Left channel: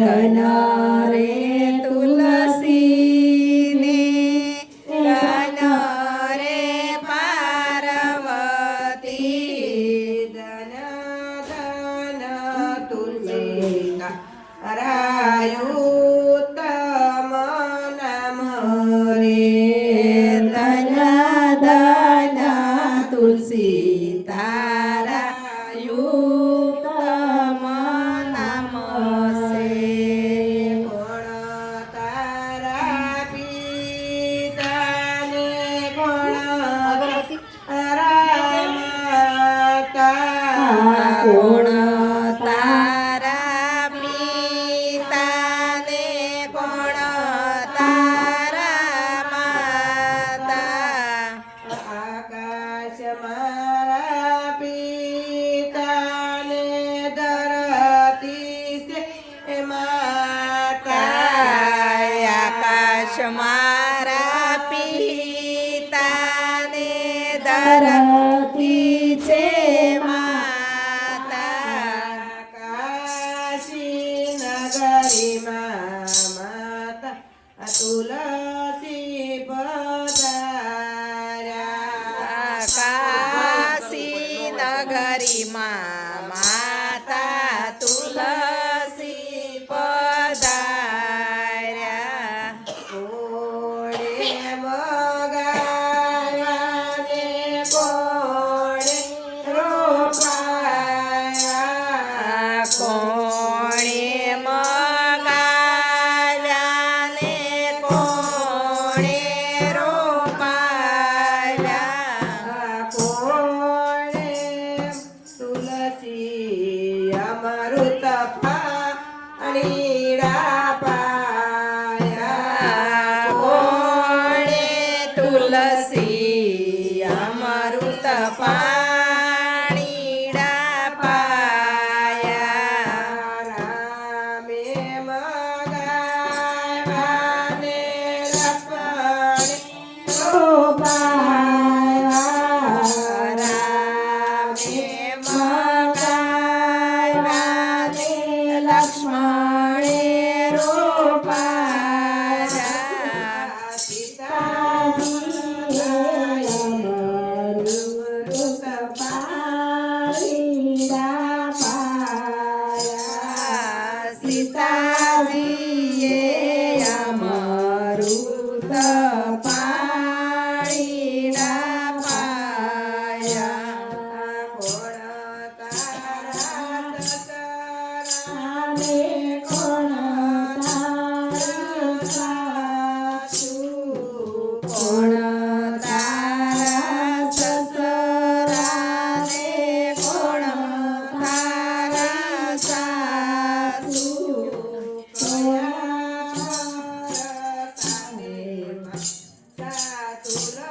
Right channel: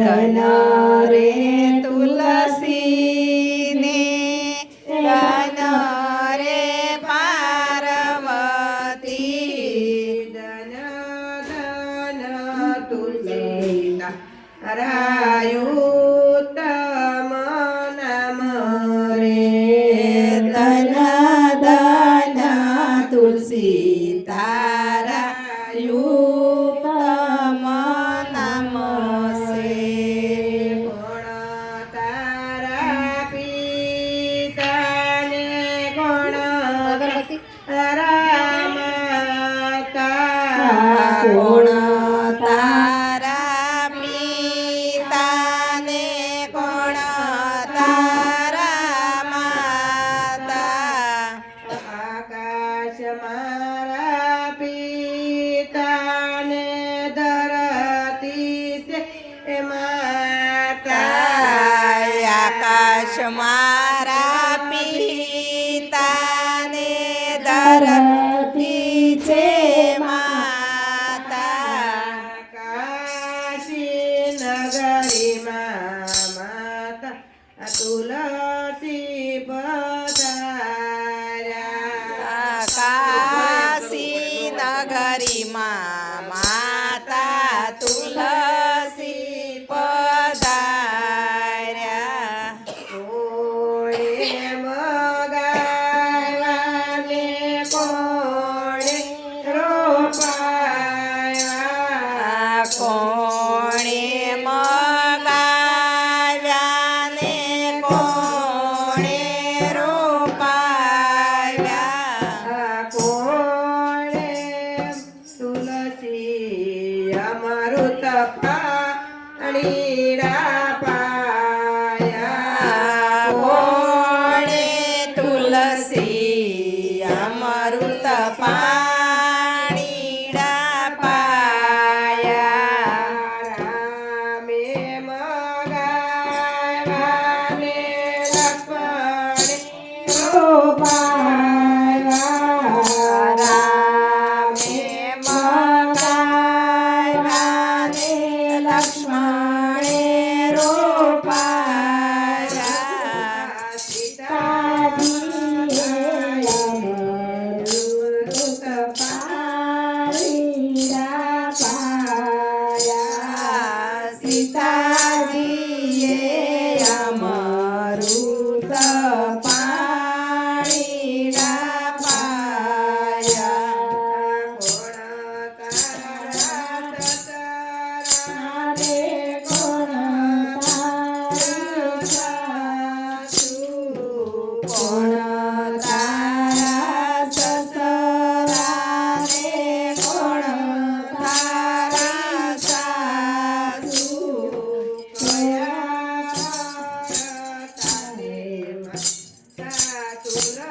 ધન રે તુલસીને ધન રે પાર્વતી ધન ધન તુલસી રાયુતમ નામ રે ધન ધન તુલસી તારા યુતમ નામ સે કોણ તારા પિતાને કોણ તારા માતા કોણ તારા પિતાને કોણ તારા માતા આકાશ મારા પિતાને ધરતી છે માતા આકાશ મારા પિતાને ધરતી છે માતા કાશી નગરીમાં માતા તુલસી પધાર્યા કાશી નગરીમાં માતા તુલસી પધાર્યા કોણે મગાવ્યાને કોણે રોપાયા કોણે મગાવ્યા ને કોણે રોપાવ્યા કોણે તુલસી અમૃત પાણીડા પાયા કોણે તુલસી અમૃત પાણીડા પાયા રામે મગાવ્યાને રખડે રોપાયા રામે મગાવ્યા ને લક્ષ્મણે રોપાયા સીતાજીએ અમૃત પાણીડા પાયા કોણ તારા સસરા રે કોણ તારા સાસુ તુલસી